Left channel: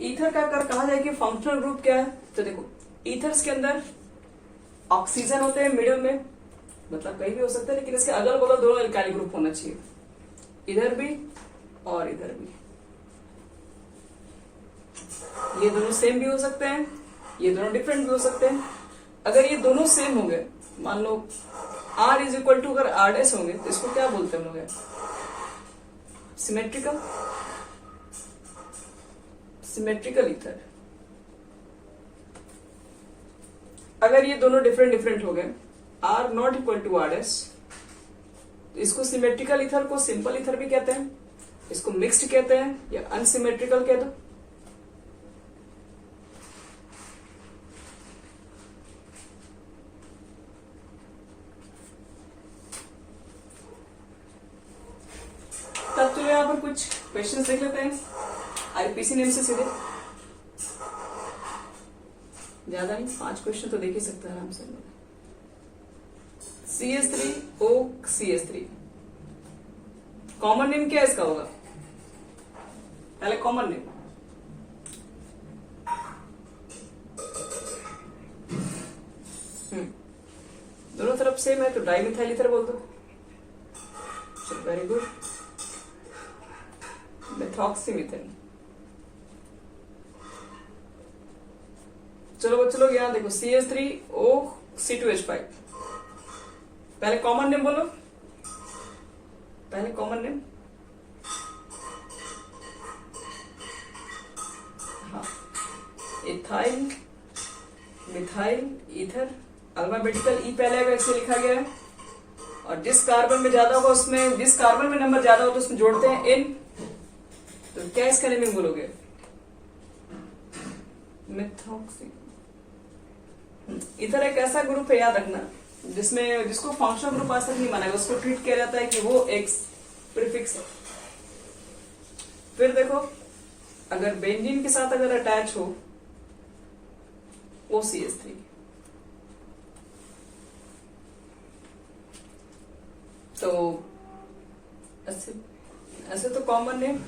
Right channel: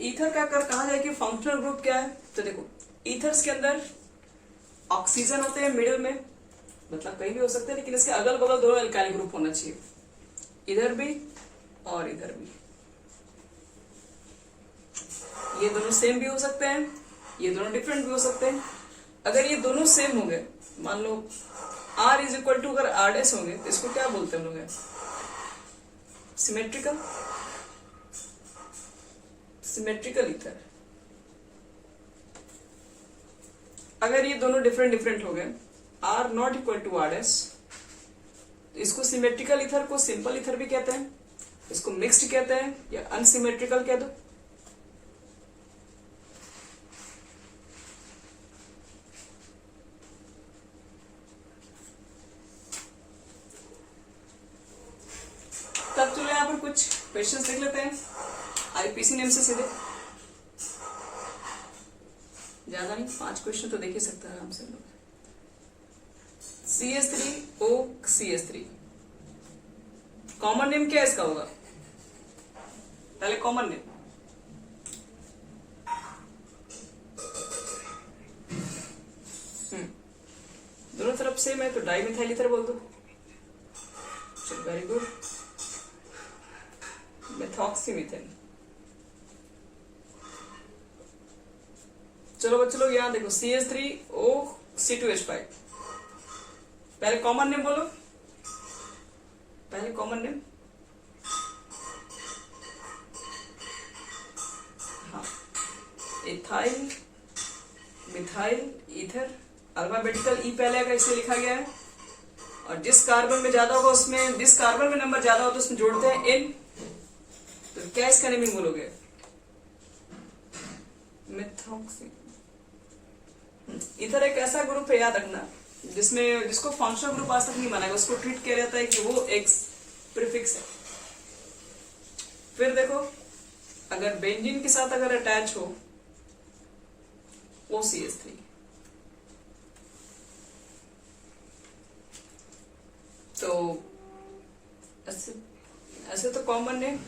Ether का अगर कहा जाए कि फंक्शनल ग्रुप क्या है, तो देखो ईथर्स के अंदर ऑक्सीजन होते हैं मिडिल में, मतलब कहीं भी हो सकते हैं, लेकिन इसके अगल बगल दोनों एल्काइल ग्रुप होना चाहिए, इधर भी और इधर भी। ये दोनों सेम भी हो सकते हैं, ये दोनों डिफरेंट भी हो सकते हैं। अगर ये दोनों सेम होंगे, मान लो R इज इक्वल टू अगर R' होंगे, तो इसको क्या बोलते हैं हम लोग? Symmetrical, symmetrical ether. अगर ये दोनों डिफरेंट डिफरेंट हो गए, R not equal to R', इसको सिमेट्रिकल ईथर को सिंपल ईथर भी कहते हैं, इसको मिक्स्ड कहते हैं, या अनसिमेट्रिकल कह दो। तब चलो यहाँ पर कुछ क्वेश्चंस देख लेते हैं आईपीसी नेम से सीधे, ज्यादा नहीं, 5 क्वेश्चन तो देख ही सकते हैं आराम से। CH3OCH3 कॉमन नेम क्या इसका होगा? पहले कॉमन नेम, दोनों तरफ सेम है तो डाइमिथाइल ईथर बोल दो। चलो वेरी गुड, मेथॉक्सीमीथेन। चलो बच्चों लोग यहाँ देखो, CH3OC2H5, पहले कॉमन नेम बोलो, पहले कॉमन नेम। हाँ, इथाइल मिथाइल ईथर, अल्फाबेटिकल ई पहले आएगा इसलिए लिखा गया है, और जिस कार्बन में ज्यादा होगा उसमें, जिस कार्बन में नंबर ज्यादा हो तो उसमें जोड़ते हैं N। तो क्या इसका नेमिंग बोलोगे? मेथॉक्सी। इधर एक ऐसा ग्रुप है, याद रखना, जिसको फंक्शनल ग्रुप आज तक नहीं माना है, उसको ट्रीट किया जाता है कि वो एक्स प्रीफिक्स है। फिर देखो, अगर बेंजीन के साथ अगर अटैच हो OCH3, तो ऐसे तो कॉमन नेम,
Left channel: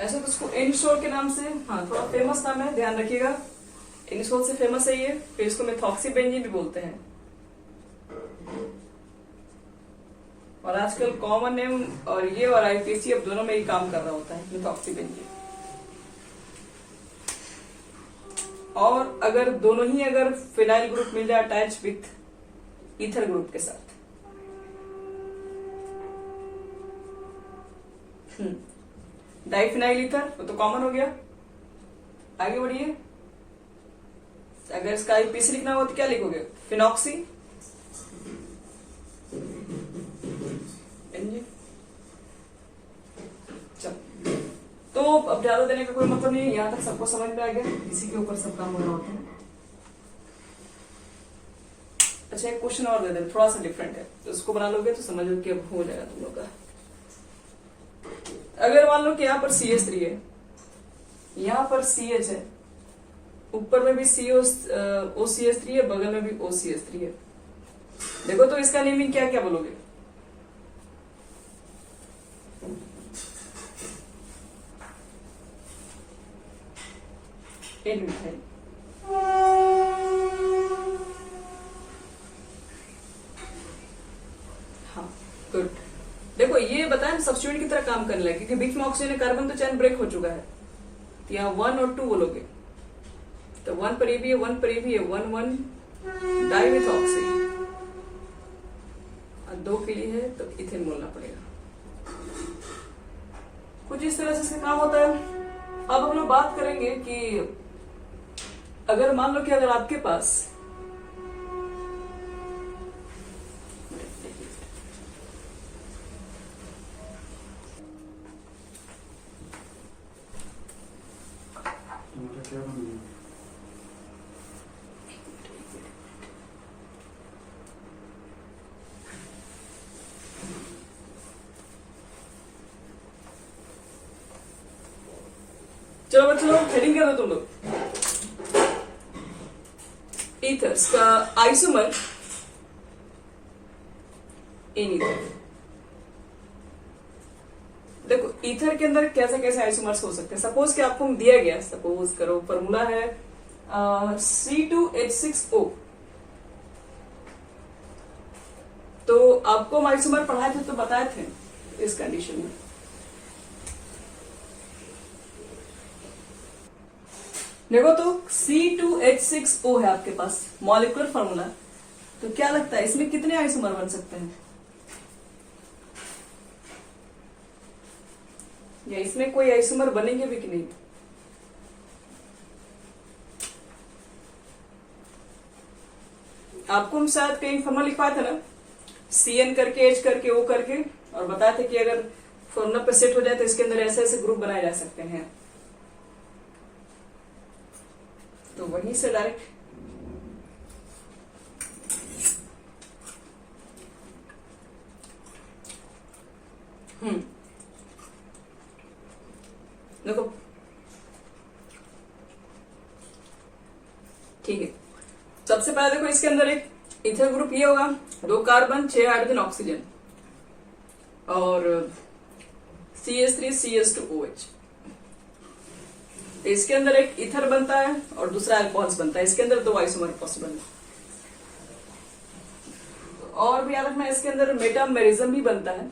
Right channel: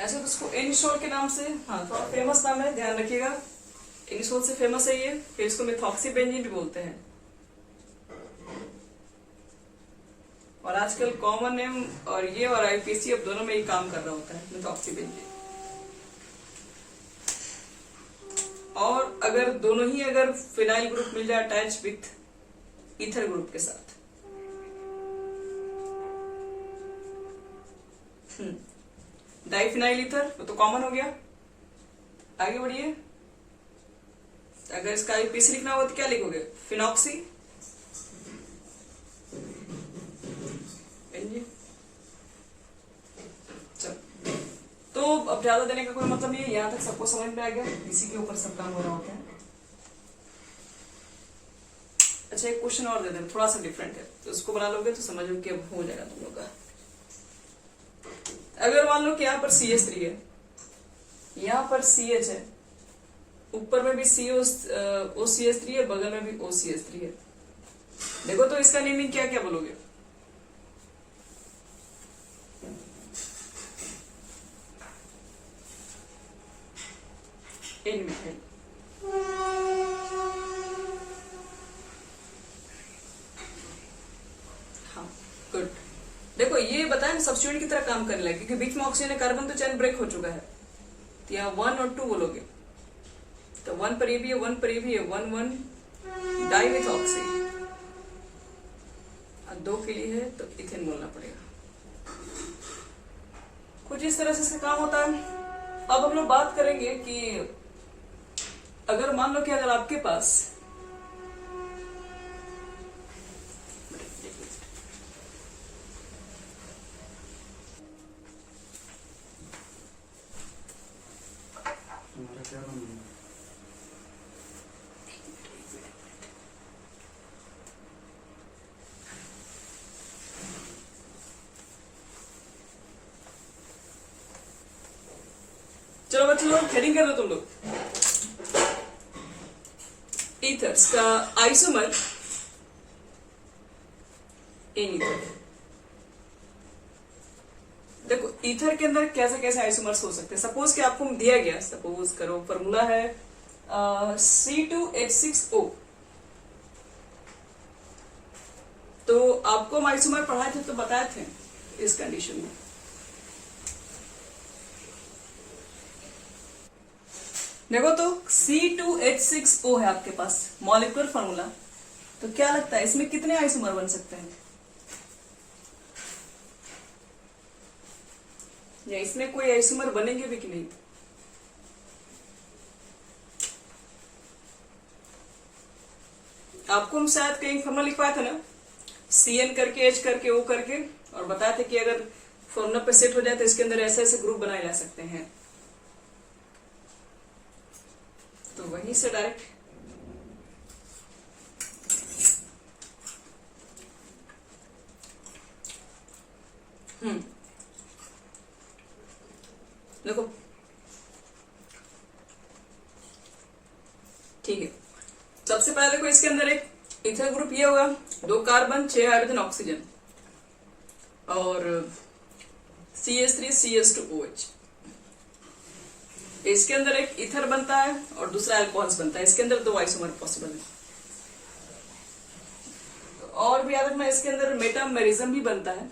ऐसे तो उसको एनिसोल के नाम से, हाँ थोड़ा फेमस नाम है, ध्यान रखिएगा, एनिसोल से फेमस है ये। फिर इसको मेथॉक्सीबेंजीन भी बोलते हैं, और आजकल कॉमन नेम और ये और आईपीसी अब दोनों में ही काम कर रहा होता है, मेथॉक्सीबेंजीन। और अगर दोनों ही अगर फिनाइल ग्रुप मिल जाए अटैच विथ ईथर ग्रुप के साथ, डाइफिनाइल ईथर तो कॉमन हो गया। आगे बढ़िए, अगर इसका आईपीसी लिखना हो तो क्या लिखोगे? फिनॉक्सी। तो अब ज्यादा देने का कोई मतलब नहीं है, यहां तक सबको समझ में आ गया, इसी के ऊपर सब काम हो रहा होता है। अच्छा एक क्वेश्चन और दे दे, थोड़ा सा डिफरेंट है, तो उसको बना लोगे तो समझ लो कि अब हो जाएगा तुम लोग का। अगर मान लो कि यहाँ पर CH3 है, यहाँ पर CH है, ऊपर में भी OCH3 है, बगल में भी OCH3 है, देखो तो इसका नेमिंग क्या क्या बोलोगे? N-मिथाइल। हाँ गुड। देखो ये बताया सब्स्टिट्यूट की तरह काम करने लगे, क्योंकि बीच में ऑक्सीजन कार्बन तो चैन ब्रेक हो चुका है, तो यहाँ 1 और 2 बोलोगे, तो 1 पर ये भी है, 1 पर ये भी है, 1 डाइमिथॉक्सी, और 2 के लिए है तो इथेन बोलना पड़ेगा। कुछ इस तरह से इसका काम होता है। अब हम लोग बात करेंगे कि अगर मान लो कि अगर आपके पास चलो बच्चों लोग हेडिंग कर दो तुम लोग। ईथर्स का आइसोमर इन ईथर। देखो ईथर के अंदर कैसे कैसे आइसोमर्स हो सकते हैं। सपोज कि आपको दिया गया, सपोज करो फॉर्मूला है C2H6O, तो आपको हम आइसोमर पढ़ाए थे तो बताए थे इस कंडीशन में। देखो तो C2H6O है आपके पास मॉलिक्यूलर फॉर्मूला, तो क्या लगता है इसमें कितने आइसोमर बन सकते हैं, या इसमें कोई आइसोमर बनेंगे भी कि नहीं। आपको हम शायद कहीं फॉर्मूला लिखवाया था ना, CN करके H करके O करके, और बताए थे कि अगर फॉर्मूला पे सेट हो जाए तो इसके अंदर ऐसे ऐसे ग्रुप बनाए जा सकते हैं। तो वहीं से डायरेक्ट देखो ठीक है। सबसे पहले देखो इसके अंदर एक इथर ग्रुप ये होगा, 2 कार्बन 6 हाइड्रोजन ऑक्सीजन, और CH3CH2OH। इसके अंदर एक इथर बनता है और दूसरा अल्कोहल्स बनता है। इसके अंदर 2 आइसोमर पॉसिबल है। और भी याद रखना, इसके अंदर मेटामेरिज्म भी बनता है।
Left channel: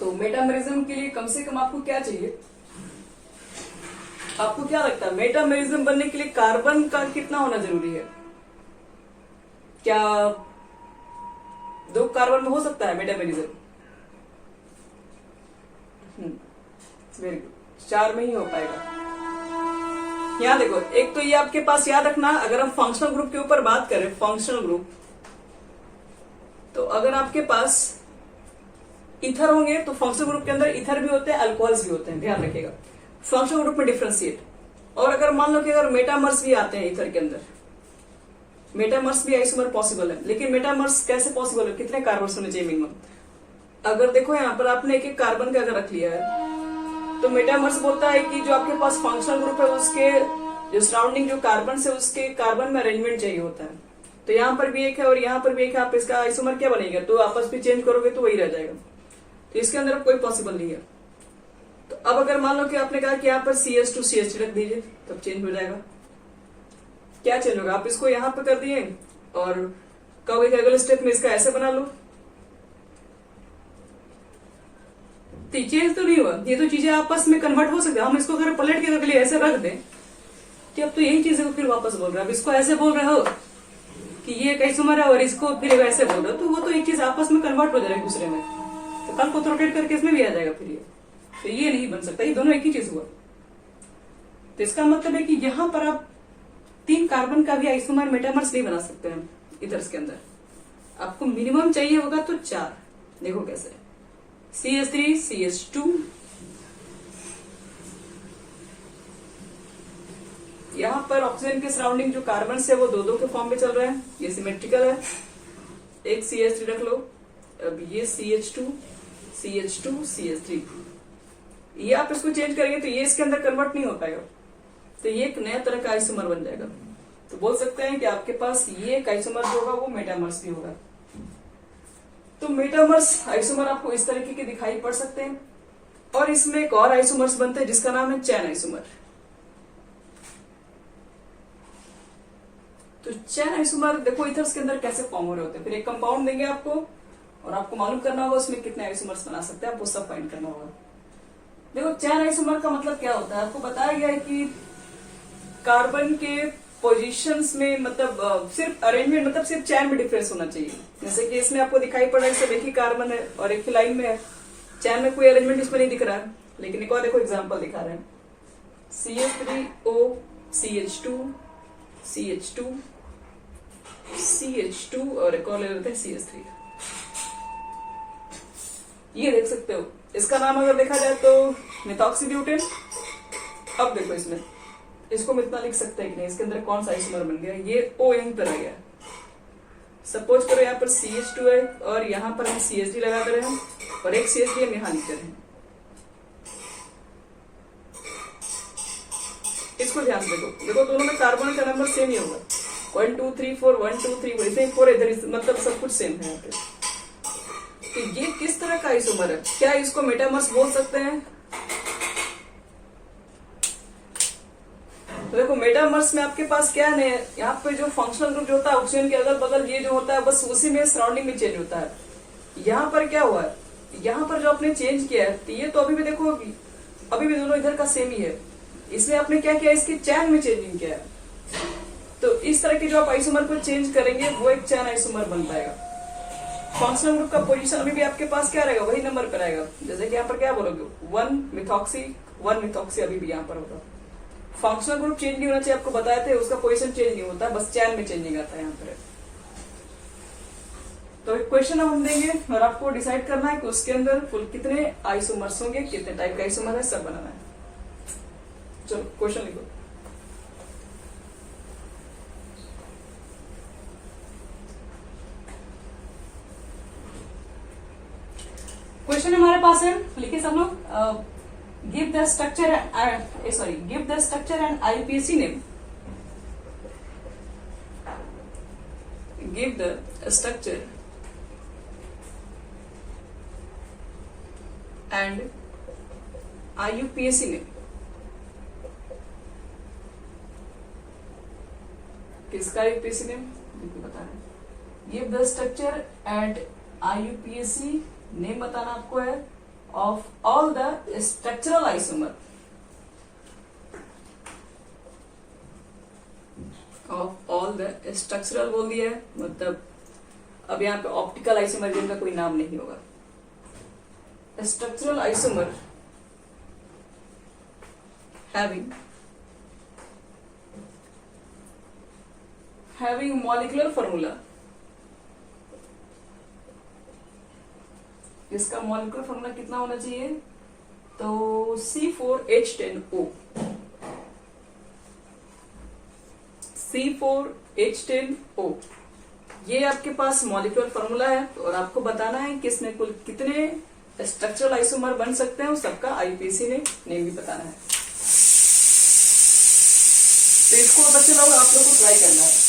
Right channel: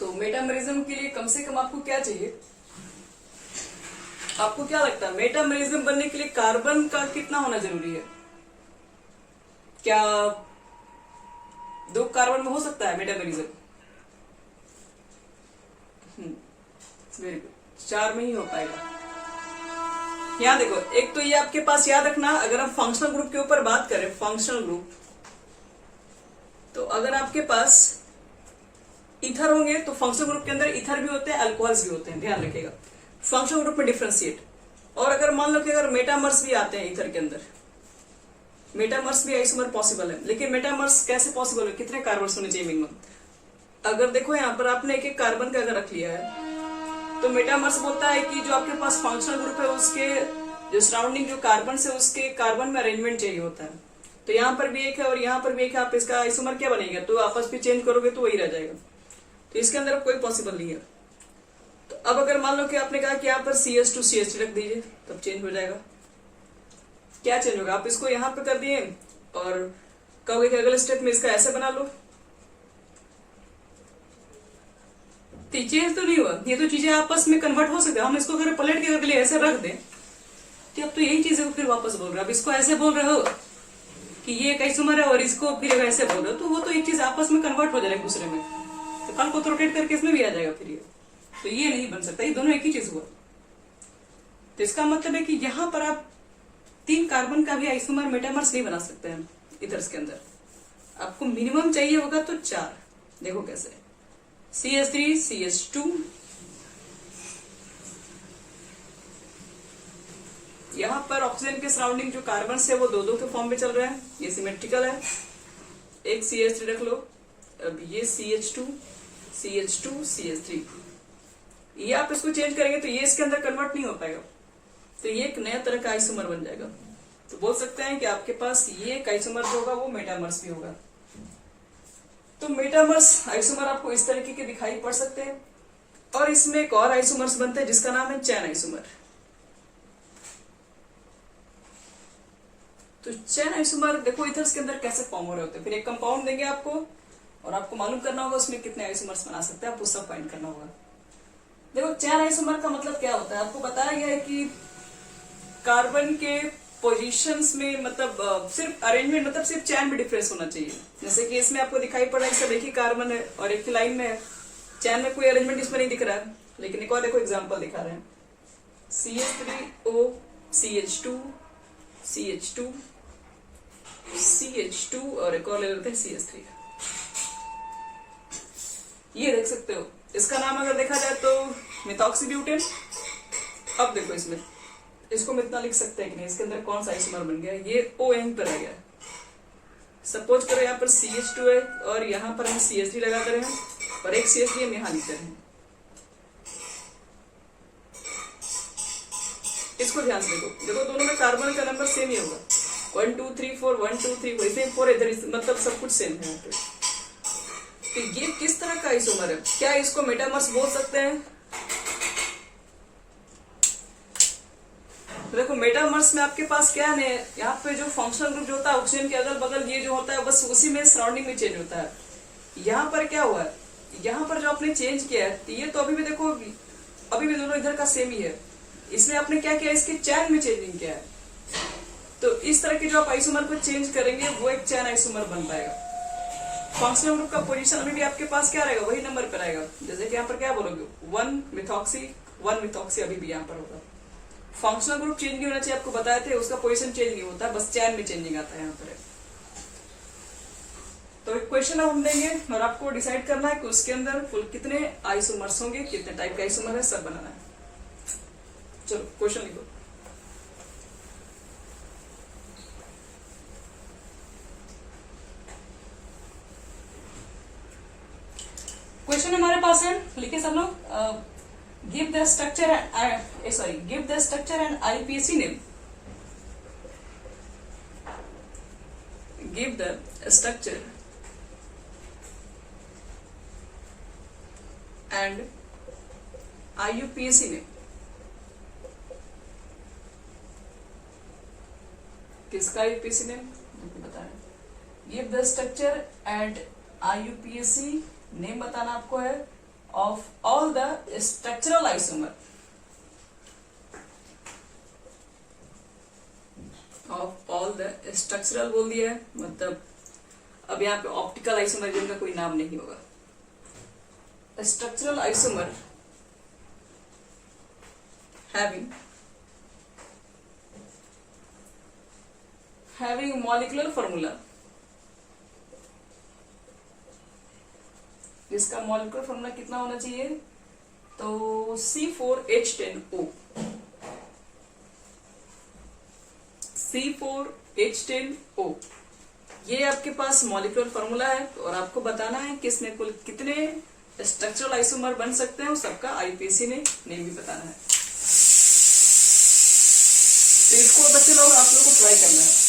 तो मेटामेरिज्म के लिए कम से कम आपको क्या चाहिए, आपको क्या लगता है मेटामेरिज्म बनने के लिए कार्बन का कितना होना जरूरी है? क्या 2 कार्बन में हो सकता है मेटामेरिज्म? वेरी गुड, 4 में ही हो पाएगा। यहां देखो, एक तो ये आपके पास याद रखना, अगर हम फंक्शनल ग्रुप के ऊपर बात करें, फंक्शनल ग्रुप, तो अगर आपके पास इथर होंगे तो फंक्शनल ग्रुप के अंदर इथर भी होते हैं, अल्कोहल्स भी होते हैं, ध्यान रखिएगा फंक्शनल ग्रुप में डिफ्रेंशिएट। और अगर मान लो कि अगर मेटामर्स भी आते हैं इथर के अंदर, मेटामर्स भी आइसोमर पॉसिबल है, लेकिन मेटामर्स कैसे पॉसिबल है, कितने कार्बन होने चाहिए मिनिमम? अगर देखो यहाँ पर आपने एक एक कार्बन का अगर रख लिया है, तो मेटामर्स बोलता है कि जो आपके पास फंक्शनल ग्रुप है उसके जो सराउंडिंग जो कार्बन है उसके कार्बन में अरेंजमेंट चाहिए होता है। तो यहाँ पर भी एक है और यहाँ पर भी एक है, आप इसका आइसोमर क्या बनेगा, तो आपस में चेंज करोगे तो वही रह जाएगा। तो इसके अंदर कोई पॉसिबल नहीं है। तो अब अगर मान लो कि आपने कहा कि यहाँ पर CH2CH रख दीजिए, तब चेंज हो जाएगा। क्या चेंज होगा, आप इसको यहाँ पे कर दिए और कहोगे कि अगले स्टेप में इसका ऐसे बना लो, चेंज तो नहीं हुआ। ये तो चीजें आपस में कन्वर्ट हो सकती है। हम इसको अगर पलट के अगले ऐसे रख दें तो अब तो यही चीजें को फिर वापस बोल रहे हो। अब इसको ऐसे बोल रहे हो कि ये एक आइसोमर है और इसको फिर ऐसे बोल रहे हो, तो वो तो एक चीज आपस में कन्वर्ट हो जाएगा एक दूसरे में, तो कल को तो रोटेट करके इसमें भी आ जाएगा फिर ये। तो ये नहीं बन सकता, ये दोनों एक ही चीज हुआ। तो इसका मतलब है कि यहां पर आप 3 कार्बन का भी आइसोमर मेटामर्स नहीं बना सकते हैं इथर्स के अंदर। आपको मिनिमम चाहिए होगा तो 4। देखो कैसे, CH3CH2, यहां पर ऑक्सीजन के सराउंडिंग जो कार्बन है वो 2-2 के फॉर्म में चल रहे हैं, ये सिमेट्रिकल है। एक CH3 रख लो, अब ये CH2 CH2 CH3, ये आप इसको चेंज करेंगे तो ये इसके अंदर कन्वर्ट नहीं हो पाएगा, तो ये एक नया तरह का आइसोमर बन जाएगा। तो बोल सकते हैं कि आपके पास ये एक आइसोमर जो होगा वो मेटामर्स भी होगा। तो मेटामर्स आइसोमर आपको इस तरीके के दिखाई पड़ सकते हैं। और इसमें एक और आइसोमर्स बनते हैं जिसका नाम है चैन आइसोमर। तो चैन आइसोमर देखो इथर्स के अंदर कैसे फॉर्म हो रहे होते हैं। फिर एक कंपाउंड देंगे आपको और आपको मालूम करना होगा उसमें कितने आइसोमर्स बना सकते हैं, आपको सब फाइंड करना होगा। देखो चैन आइसोमर का मतलब क्या होता है, आपको बताया गया है कि कार्बन के पोजीशंस में मतलब सिर्फ अरेंजमेंट मतलब सिर्फ चैन में डिफरेंस होना चाहिए। जैसे कि इसमें आपको दिखाई पड़ रहा है सब एक ही कार्बन है और एक ही लाइन में है, चैन में कोई अरेंजमेंट इसमें नहीं दिख रहा है। लेकिन एक और देखो एग्जांपल दिखा रहे हैं, CH3O CH2 CH2 CH2 और एक और ले लेते हैं CH3। ये देख सकते हो, इसका नाम अगर देखा जाए तो मिथॉक्सीब्यूटेन। अब देखो इसमें इसको हम इतना लिख सकते हैं कि नहीं, इसके अंदर कौन सा आइसोमर बन गया, ये O यहीं पर आ गया। सपोज करो यहाँ पर CH2 है और यहाँ पर हम CH3 लगा दे रहे हैं और एक CH3 हम यहाँ लिख दे रहे हैं। इसको ध्यान से देखो, देखो दोनों में कार्बन का नंबर सेम ही होगा, 1 2 3 4 1 2 3 वैसे 4 इधर, मतलब सब कुछ सेम है यहाँ पे। तो ये किस तरह का आइसोमर है? क्या इसको मेटामर्स बोल सकते हैं? तो देखो मेटामर्स में आपके पास क्या है, यहाँ पे जो फंक्शनल ग्रुप जो होता है ऑक्सीजन के अगल बगल ये जो होता है बस उसी में सराउंडिंग में चेंज होता है। यहाँ पर क्या हुआ है, यहाँ पर जो आपने चेंज किया है तो ये तो अभी भी देखो अभी भी दोनों इधर का सेम ही है, इसलिए आपने क्या किया, इसके चैन में चेंजिंग किया है। तो इस तरह के जो आप आइसोमर को चेंज करेंगे वो एक चैन आइसोमर बन पाएगा। फंक्शनल ग्रुप का पोजीशन अभी भी आपके पास क्या रहेगा, वही नंबर पर रहेगा। जैसे कि यहाँ पर क्या बोलोगे 1 मिथॉक्सी अभी भी यहाँ पर होगा। फंक्शनल ग्रुप चेंज नहीं होना चाहिए, आपको बताए थे, उसका पोजीशन चेंज नहीं होता, बस चैन में चेंजिंग आता है यहाँ पर। तो एक क्वेश्चन हम देंगे और आपको डिसाइड करना है कि उसके अंदर कुल कितने आइसोमर्स होंगे, कितने टाइप का आइसोमर है, सब बनाना है। चलो क्वेश्चन लिखो। क्वेश्चन हमारे पास है, लिखिए सब लोग। Give the structure and IUPAC name. Give the structure and IUPAC name. किसका IUPAC नेम बता रहे हैं। Give the structure and IUPAC name बताना आपको है of all the structural isomer, of all the structural बोल दिया है, मतलब अब यहाँ पे ऑप्टिकल आइसोमर जिनका कोई नाम नहीं होगा। Structural isomer having molecular formula, इसका मॉलिक्यूलर फॉर्मूला कितना होना चाहिए, तो C4H10O। C4H10O ये आपके पास मॉलिक्यूलर फॉर्मूला है और आपको बताना है कि इसमें कुल कितने स्ट्रक्चरल आइसोमर बन सकते हैं, सबका IUPAC ने नेम भी बताना है। तो इसको बच्चे लोग आप लोग को ट्राई करना है।